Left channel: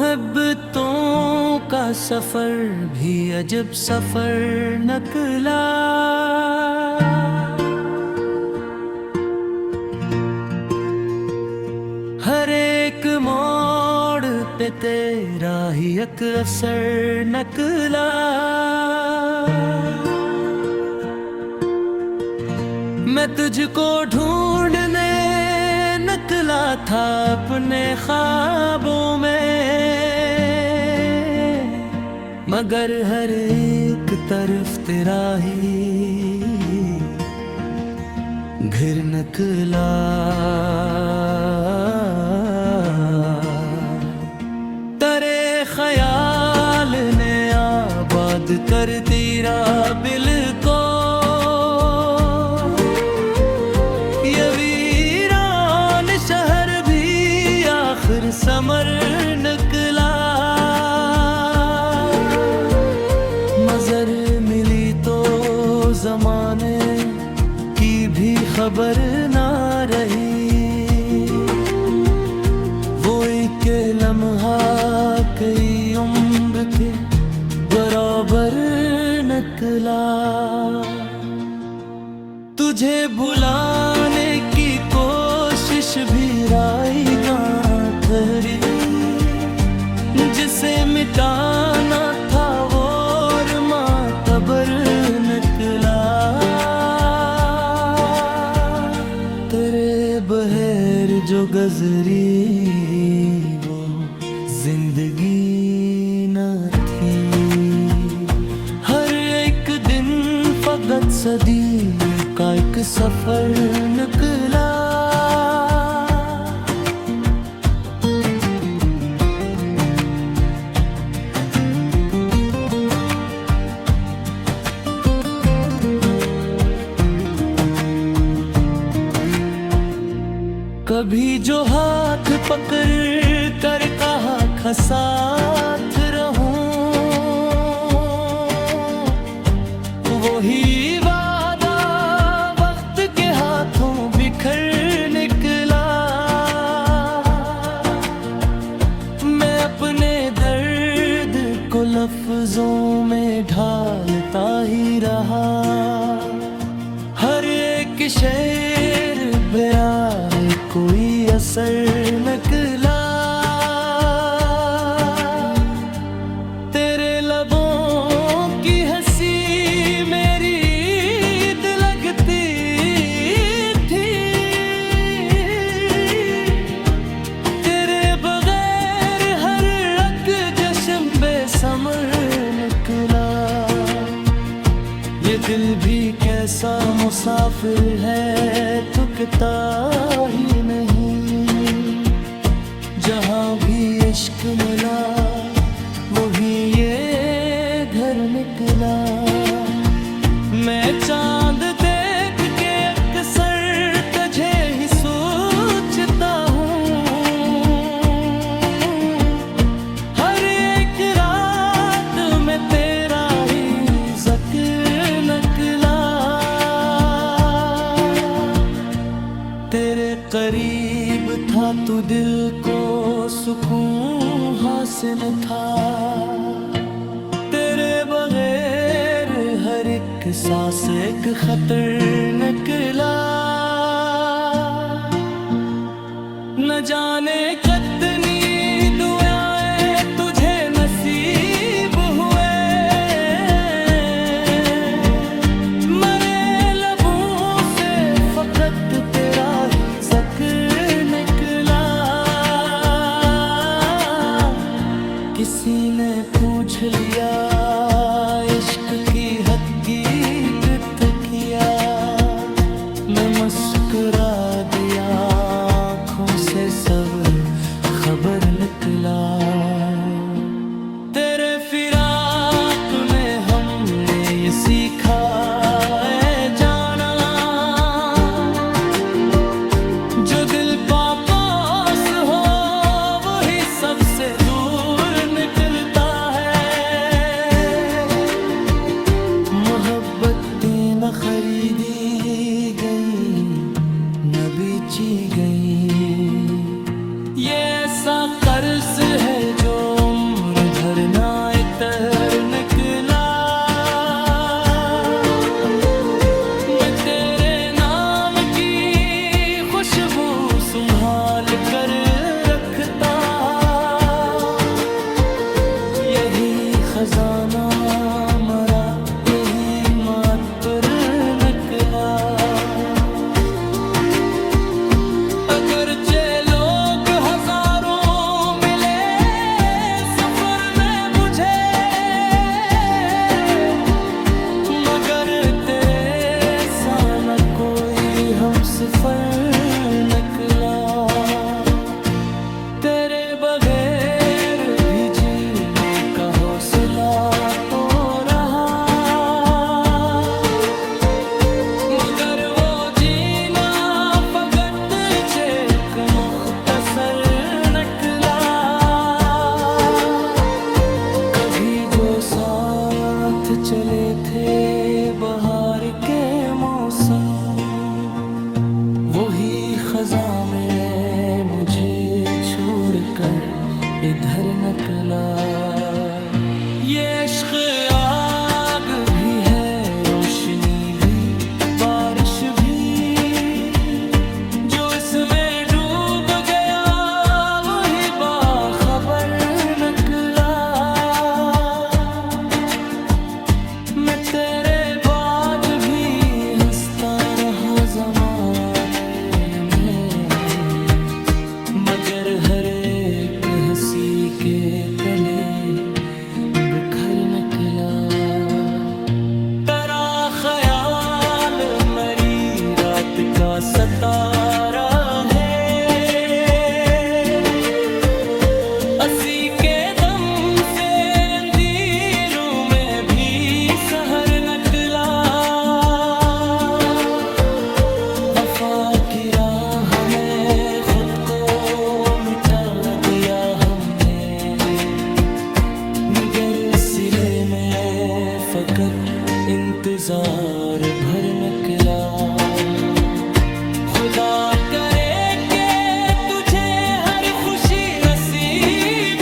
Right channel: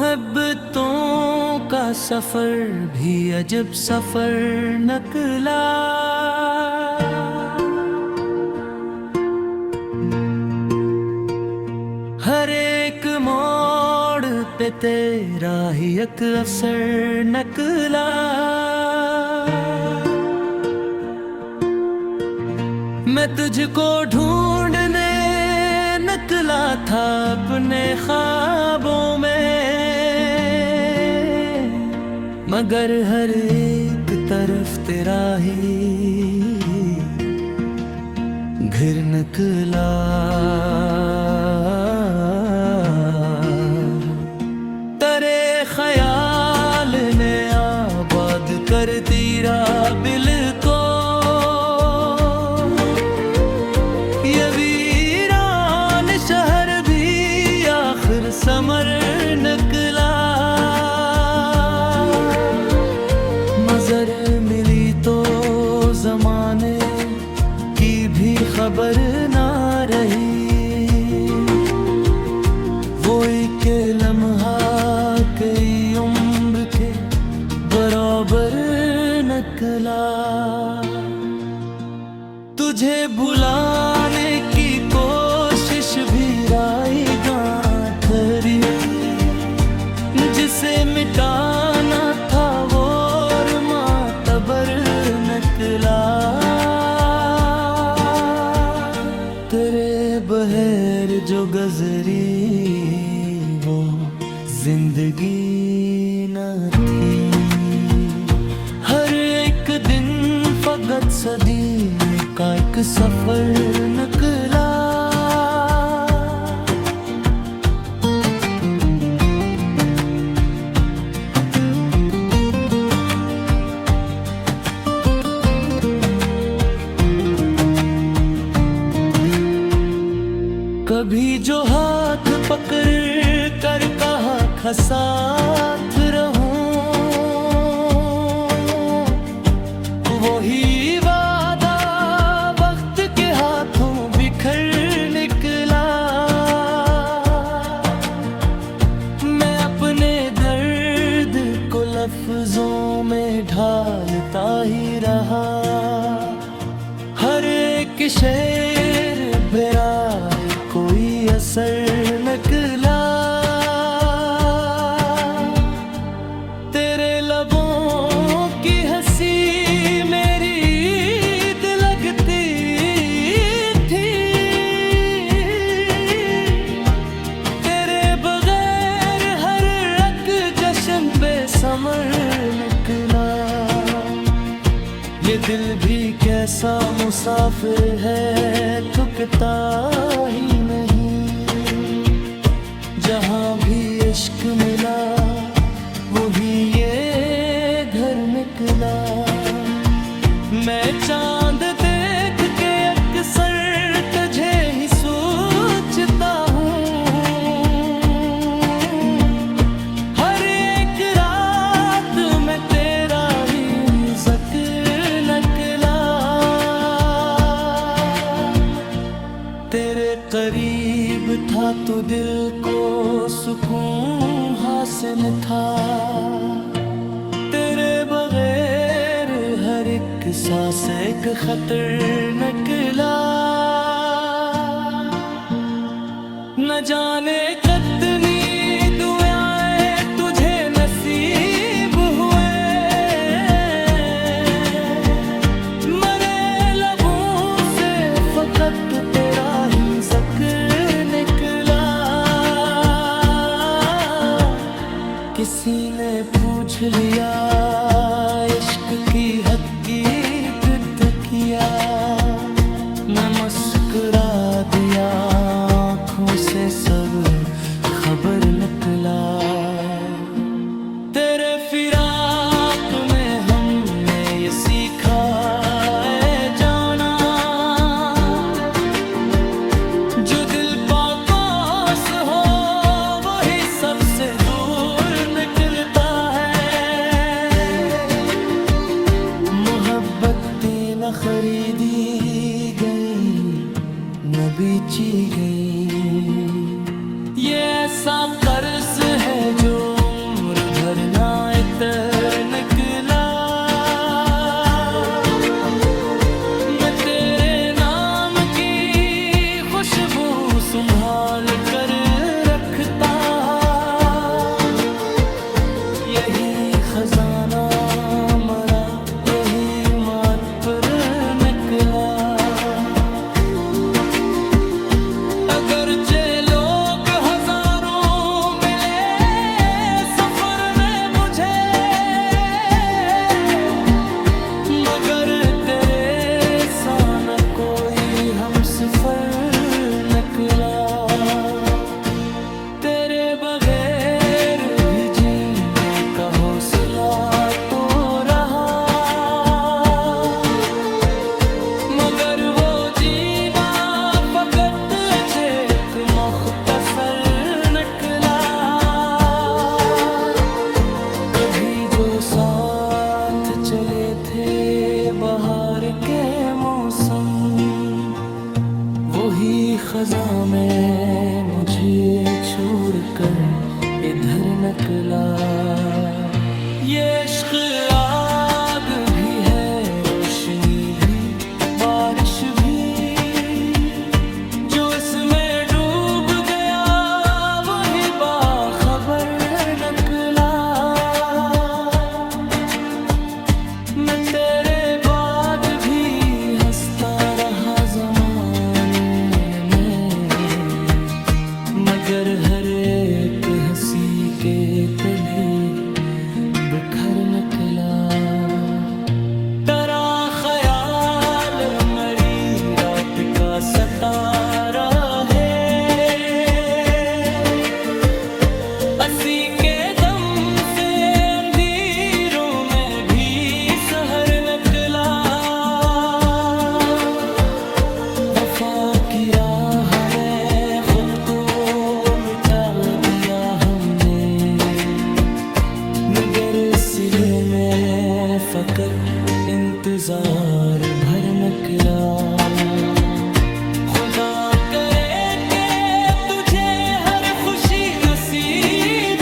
मोहब्बतों का सफर भी अजब सफर निकला। हर एक मोड़ पे तेरा ही एक असर निकला। मैं तुझको ढूंढने निकला था अपने ख्वाबों में, मगर हर एक तरफ तेरा ही घर निकला। तेरे ख्याल ने आबाद कर तेरा दिल को, समर निकला। नजर मिली तो जमाने की भी खबर ना रही, वो एक लम्हा कई उम्र के बराबर निकला। तुझे भुलाने की कोशिश भी रायगा करी, जिसे मिटाना था वो मातबर निकला। तेरे बहर जो गुजरी वो जिंदगी न थी, हर एक दिन फकत सदी का एक सफर निकला। कभी जो हाथ पकड़ कर कहा था साथ रहूं, वही वादा वक्त के हाथों बिखर निकला। मैं अपने दर्द को लफ्जों में ढालता ही रहा, हर एक शेर मेरा कोई असर निकला। तेरे लबों की हंसी मेरी ईद लगती थी, तेरे बगैर हर एक जश्न बेसमर निकला। ये दिल भी कैसा मुसाफिर है, थकता ही नहीं। जहाँ भी इश्क मिला वही ये घर निकला। मैं चांद देख के अक्सर तुझे ही सोचता हूँ, हर एक रात में तेरा ही जिक्र निकला। तेरे करीब था तो दिल को सुकून हासिल था, तेरे बगैर हर एक सांस एक खतर निकला। न जाने कितनी दुआएं तुझे नसीब हुए, मरे लबों से फकत तेरा ही जिक्र निकला। किसी ने पूछ लिया इश्क की हकीकत किया, मैं मुस्कुरा दिया आँखों से सब खबर निकला। तेरे फिराक में हमने ये सीखा है जाना, जो दिल पास हो वही सबसे दूर निकलता है। मोहब्बतें न खरीदी गई न बेची गई, ये ऐसा कर्ज है जो भरना इतर निकला। मैं तेरे नाम की खुशबू संभाल कर रखता, यही खजाना मरा यही माथ पर निकला। अगरचे लोग हजारों मिले सफर में मुझे, मगर तेरे सा न कोई हमसफर निकला। तेरे बगैर भी जीने का हौसला तो रहा, मगर वो जीना फकत एक मुख्तसर निकला। कभी जो साथ चले थे बहार के मौसम, वही खजा में मुझे छोड़कर इधर निकला। ये इश्क आग भी है, रोशनी भी, बारिश भी, जो इसमें डूब गया वही बाखबर निकला। मैं तेरे बाद भी हंसता रहा ज़माने में, मगर हर एक हंसी के तले बिखर निकला। तेरा ख्याल मरी रात का सतारा है, असी के दम से अंधेरों में भी सहर निकला। वफा की राह में खुद को मिटा दिया हमने, मगर सिले में फकत इंतजार भर निकला। खुदा करे के तुझे हर खुशी नसीब